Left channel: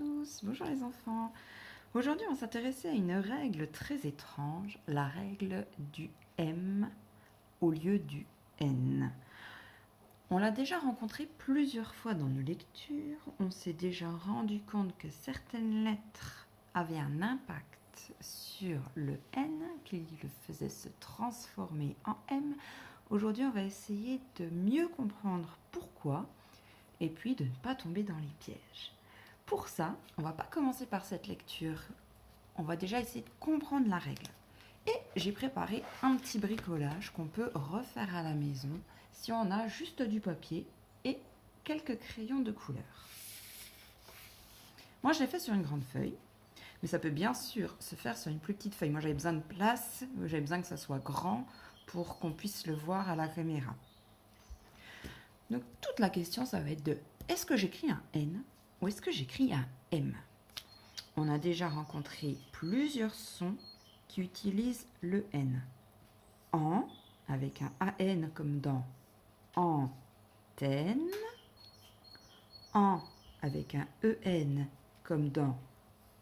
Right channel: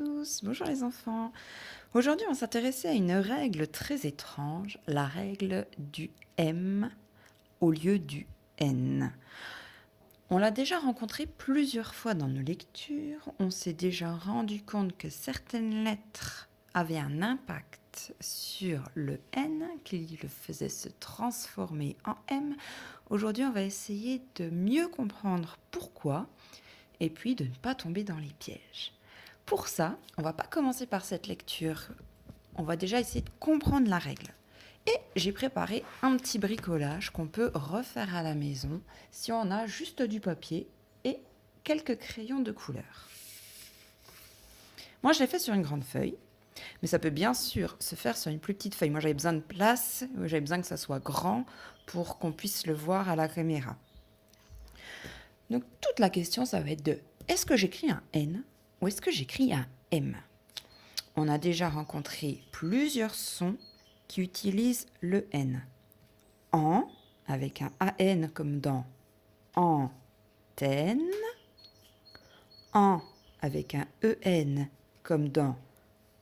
tous, bonjour les enfants. Aujourd'hui, on va s'intéresser à une règle très étrange, la règle du M au lieu du N. On l'a déjà rencontrée plusieurs fois dans nos lectures, on s'est déjà rendu compte que certaines lettres avaient un impact sur le N, qui le faisait se transformer en M. Aujourd'hui, on va essayer de mieux comprendre pourquoi et puis de ne pas tomber dans les pièges. Pour ça, on va pas commencer par cette lecture. On va déjà essayer de comprendre la règle. Et j'ai préparé un petit bricolage qu'on peut refaire à la maison si on a juste du papier et quelques crayons de couleur. Moi, je l'ai fait sur une grande feuille, mais ça peut bien sûr se faire sur une plus petite feuille. Moi, j'avais besoin de place, j'avais besoin que ça soit grand pour qu'on puisse le voir à la caméra. Donc, toute la question, ça va être de est-ce que j'écris un N ou est-ce que j'écris un M? On a déjà rencontré plusieurs sons qui utilisent le N. En, avec un AN comme dans antenne. En, avec un EN comme dans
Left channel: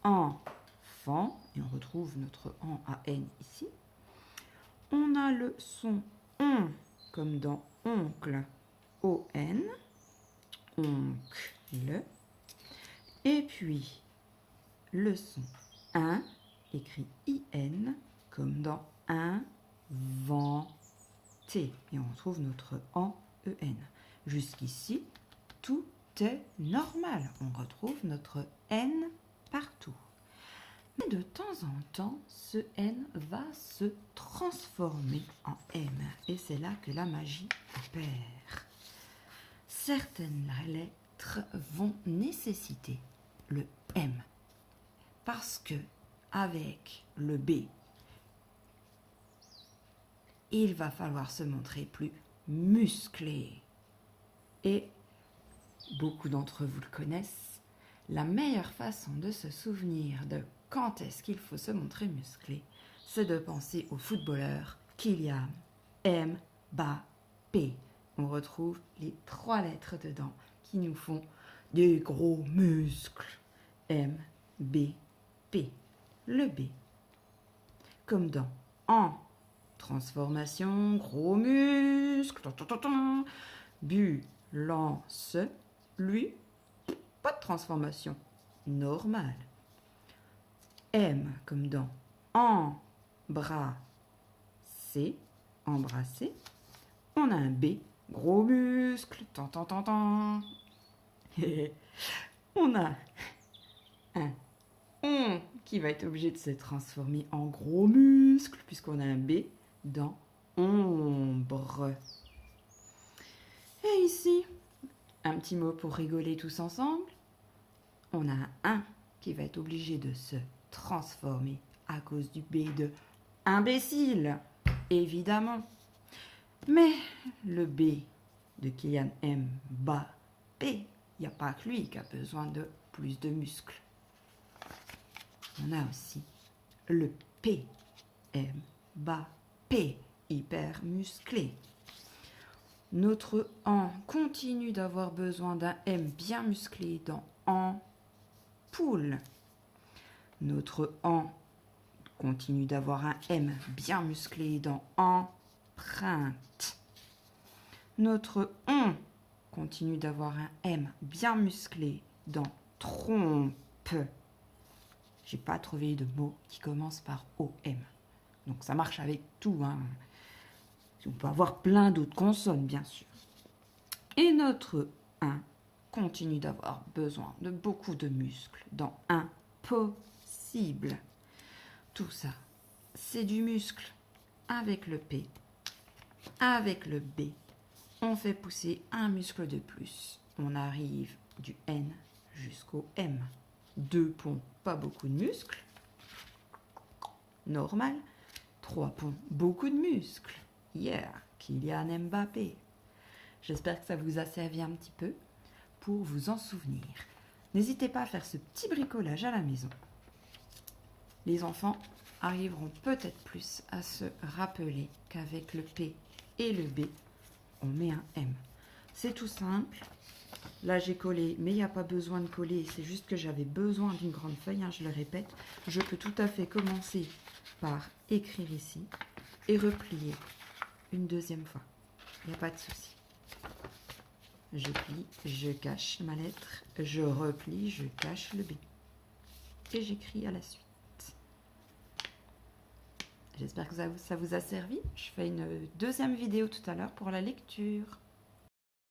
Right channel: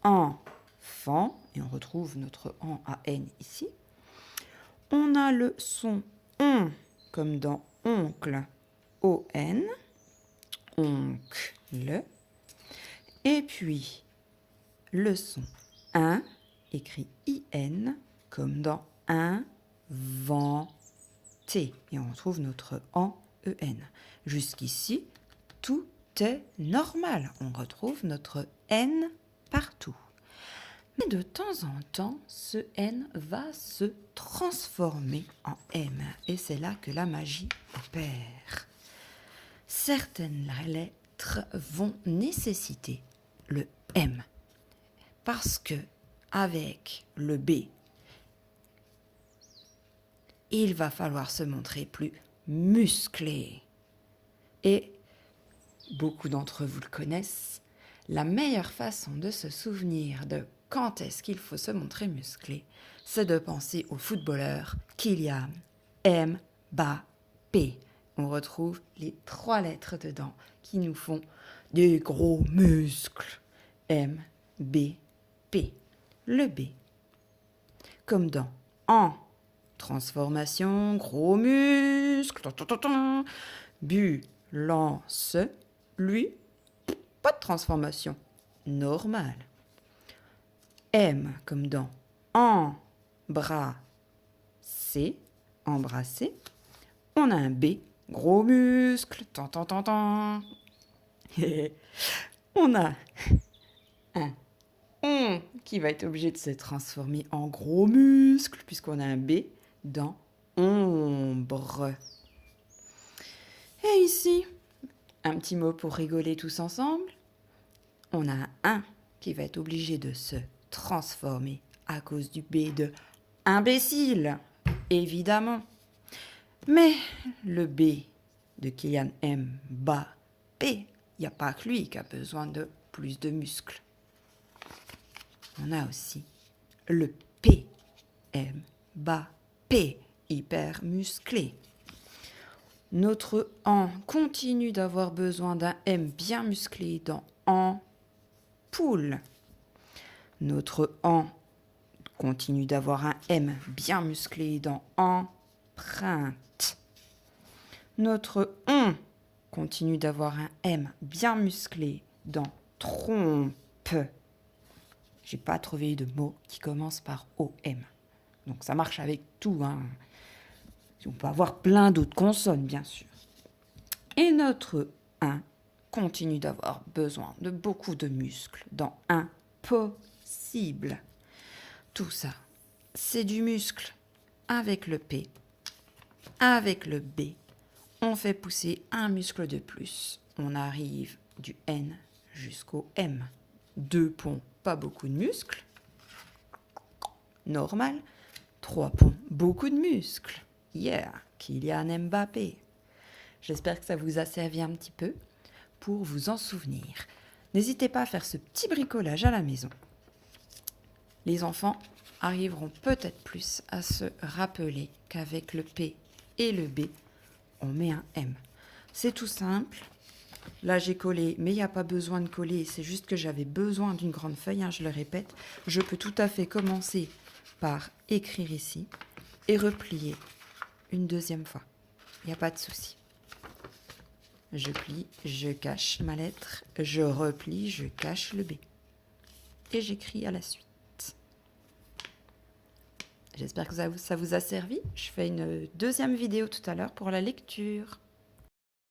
enfant. Et on retrouve notre en AN ici. On a le son on comme dans oncle. ON. Oncle. Et puis, le son un, écrit IN, comme dans inventé. Et on retrouve notre en EN. Jusqu'ici, tout est normal. On retrouve notre N partout. Mais de temps en temps, ce N va se transformer en M. Et c'est là que la magie opère. Certaines lettres vont nécessiter le M. Parce que avec le B, il va falloir se montrer plus musclé. Et beaucoup d'entre vous le connaissent, la meilleure façon de se souvenir de quand est-ce qu'il faut se montrer musclé, c'est de penser au footballeur Kylian Mbappé. On retrouve les 3 lettres dedans qui nous font des gros muscles. M, B, P. Le B. Comme dans en transformation, gros muscle. Bu, lance, lui, pas de transformation. Normal. M comme dans embrasser, embrasser. On a un B, gros muscle. On a un on qui va être obligé de se transformer en gros muscle puisqu'on a un B dans ombre. Et ici, un petit mot pour rigoler tous ensemble. On a un qui va être obligé de se transformer à cause du B de imbécile, évidemment. Mais le B de Kylian Mbappé, il n'y a pas que lui qui a besoin de plus de muscles. On a aussi le P, Mbappé, hyper musclé. Notre en continue d'avoir besoin d'un M bien musclé dans ampoule. Notre en continue d'avoir un M bien musclé dans empreinte. Notre on continue d'avoir un M bien musclé dans trompe. J'ai pas trouvé de mot qui commence par OM. Donc ça marche avec tout. On peut avoir plein d'autres consonnes, bien sûr. Et notre 1 continue d'avoir besoin de beaucoup de muscles dans impossible. Tout ça, c'est du muscle. Avec le P, avec le B, on fait pousser un muscle de plus. On arrive du N jusqu'au M. 2 ponts, pas beaucoup de muscles. Normal. 3 ponts, beaucoup de muscles. Yeah, Kylian Mbappé. J'espère que ça vous a servi un petit peu pour vous en souvenir. N'hésitez pas à faire ce petit bricolage à la maison. Les enfants arriveront peut-être plus à se rappeler qu'avec le P et le B, on met un M. C'est tout simple. Là, j'ai collé, mais il n'y a pas besoin de coller. C'est juste que j'avais besoin d'une grande feuille, hein, je le répète. Je peux tout à fait commencer par écrire ici et replier une deuxième fois. Il n'y a pas de souci. Je plie, je cache ma lettre, je replie, je cache le B. Et j'écris à la suite. J'espère que ça vous a servi. Je fais une deuxième vidéo tout à l'heure pour la lecture.